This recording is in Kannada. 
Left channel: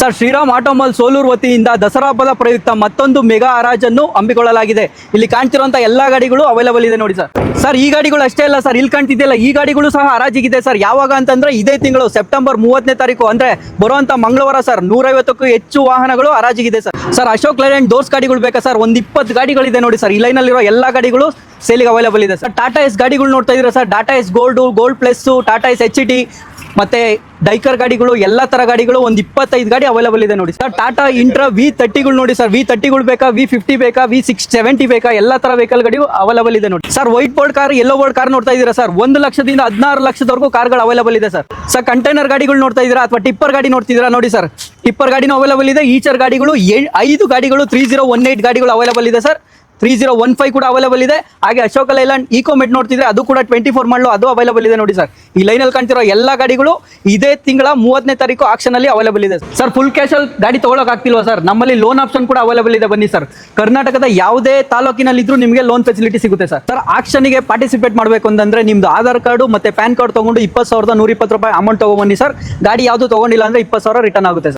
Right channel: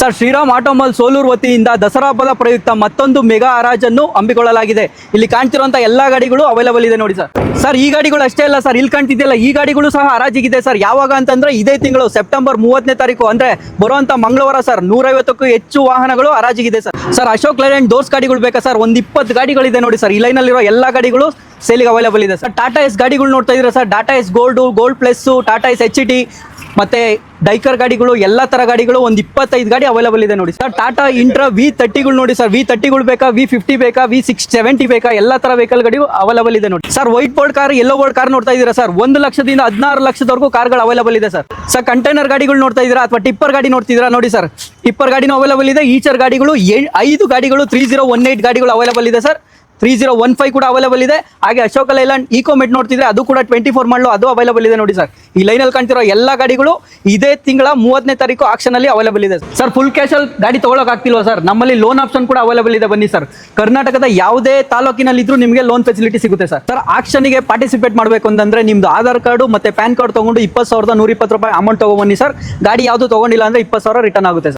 ಸರ್, ಶ್ರೀರಾಮ್ ಆಟೋಮಾಲ್ ಸೋಲೂರು ವತಿಯಿಂದ ದಸರಾ ಹಬ್ಬದ ಪ್ರಯುಕ್ತ ಮತ್ತೊಂದು ಮೆಗಾ ಹರಾಜನ್ನು ಹಮ್ಮಿಕೊಳ್ಳಲಾಗಿದೆ. ಇಲ್ಲಿ ಕಾಣ್ತಿರುವಂತ ಎಲ್ಲಾ ಗಾಡಿಗಳು ಅವೈಲೇಬಲ್ ಇದೆ ನೋಡಿ ಸರ್. ಸರ್, ಈ ಗಾಡಿಗಳು ಅಷ್ಟೇ ಅಲ್ಲ ಸರ್, ಇಲ್ಲಿ ಕಾಣ್ತಿದೆಯಲ್ಲ ಈ ಗಾಡಿಗಳು ಸಹ ಹರಾಜಿಗಿದೆ ಸರ್. ಯಾವಾಗ ಅಂತಂದ್ರೆ ಇದೇ ತಿಂಗಳು ಸೆಪ್ಟೆಂಬರ್ 30ನೇ ತಾರೀಕು ಅಂದ್ರೆ ಬರುವಂತ ಮಂಗಳವಾರ ಸರ್ 150ಕ್ಕೂ ಹೆಚ್ಚು ವಾಹನಗಳು ಹರಾಜಿಗಿದೆ ಸರ್. ಸರ್, ಅಶೋಕ್ ಲೇಲ್ಯಾಂಡ್ ಡೋರ್ಸ್ ಗಾಡಿಗಳು ಬೇಕಾ ಸರ್? ಒಂದ್ 20 ಗಾಡಿಗಳಿದೆ ನೋಡಿ ಸರ್. ಈ ಲೈನ್ ಅಲ್ಲಿರೋ ಎಲ್ಲಾ ಗಾಡಿಗಳು ಸೇಲಿಗೆ ಅವೈಲೇಬಲ್ ಇದೆ ಸರ್. ಟಾಟಾ ಎಸ್ ಗಾಡಿಗಳು ನೋಡ್ತಾ ಇದ್ರೆ sir, Tata Ace gold plus, Tata Ace HT ಮತ್ತೆ ಡೈಕರ್ ಗಾಡಿಗಳು ಎಲ್ಲಾ ತರ ಗಾಡಿಗಳು ಒಂದ್ 25 ಗಾಡಿ ಅವೈಲೇಬಲ್ ಇದೆ ನೋಡಿ ಸರ್. ಟಾಟಾ ಇಂಟ್ರಾ V30ಗಳು ನೋಡಿ ಸರ್. V30ಗಳು ಬೇಕಾ, V50 ಬೇಕಾ, V670 ಬೇಕಾ, ಎಲ್ಲಾ ತರ ವೆಹಿಕಲ್ ಗಾಡಿ ಅವೈಲೇಬಲ್ ಇದೆ ನೋಡಿ sir. White board car, yellow board car ನೋಡ್ತಾ ಇದೀರಾ ಸರ್. 1 ಲಕ್ಷದಿಂದ 16 ಲಕ್ಷದವರೆಗೂ ಕಾರ್ಗಳು ಅವೈಲೇಬಲ್ ಇದೆ ಸರ್. ಸರ್, ಕಂಟೈನರ್ ಗಾಡಿಗಳು ನೋಡ್ತಾ ಇದೀರಾ ಅಥವಾ ಟಿಪ್ಪರ್ ಗಾಡಿ ನೋಡ್ತಿದ್ದೀರಾ ನೋಡಿ ಸರ್. ಟಿಪ್ಪರ್ ಗಾಡಿನೂ ಅವೈಲೇಬಲ್ ಇದೆ. ಈಚರ್ ಗಾಡಿಗಳು 5 ಗಾಡಿಗಳು 3018 ಗಾಡಿಗಳು ಅವೈಲೇಬಲ್ ಇದೆ ಸರ್. 3015 ಕೂಡ ಅವೈಲೇಬಲ್ ಇದೆ. ಹಾಗೆ ಅಶೋಕ ಲೈಲ್ಯಾಂಡ್ ಈಕೋ ಮೆಟ್ ನೋಡ್ತಿದ್ರೆ ಅದು ಕೂಡ 24 ಮಾಡಲು ಅದು ಅವೈಲೇಬಲ್ ಇದೆ ನೋಡಿ ಸರ್. ಈ ಲೈನ್ ಅಲ್ಲಿ ಕಾಣ್ತಿರೋ ಎಲ್ಲಾ ಗಾಡಿಗಳು ಇದೇ ತಿಂಗಳ 30ನೇ ತಾರೀಕು ಆಕ್ಷನ್ ಅಲ್ಲಿ ಅವೈಲೇಬಲ್ ಇದೆ ಸರ್. ಫುಲ್ ಕ್ಯಾಶ್ ಅಲ್ಲಿ ಗಾಡಿ ತಗೊಳಕ್ ಆಗ್ತಿಲ್ವಾ ಸರ್? ನಮ್ಮಲ್ಲಿ ಲೋನ್ ಆಪ್ಷನ್ ಕೂಡ ಅವೈಲೇಬಲ್ ಇದೆ. ಬನ್ನಿ ಸರ್, ಕರ್ನಾಟಕದ ಯಾವುದೇ ತಾಲೂಕಿನಲ್ಲಿ ಇದ್ರೂ ನಿಮಗೆ ಲೋನ್ ಫೆಸಿಲಿಟಿ ಸಿಗುತ್ತೆ ಸರ್. ಸರ್, ಆಕ್ಷನ್ ಗೆ ಪಾರ್ಟಿಸಿಪೇಟ್ ಮಾಡಬೇಕು ಅಂತಂದ್ರೆ ನಿಮ್ದು ಆಧಾರ್ ಕಾರ್ಡ್ ಮತ್ತೆ ಪ್ಯಾನ್ ಕಾರ್ಡ್ ತಗೊಂಡು 20,120 ರೂಪಾಯಿ ಅಮೌಂಟ್ ತಗೊಂಡ್ಬನ್ನಿ ಸರ್. ಗಾಡಿ ಯಾವ್ದು ತಗೊಂಡಿಲ್ಲ ಅಂದ್ರೆ 20,000 ರಿಟರ್ನ್ ಆಗುತ್ತೆ ಸರ್.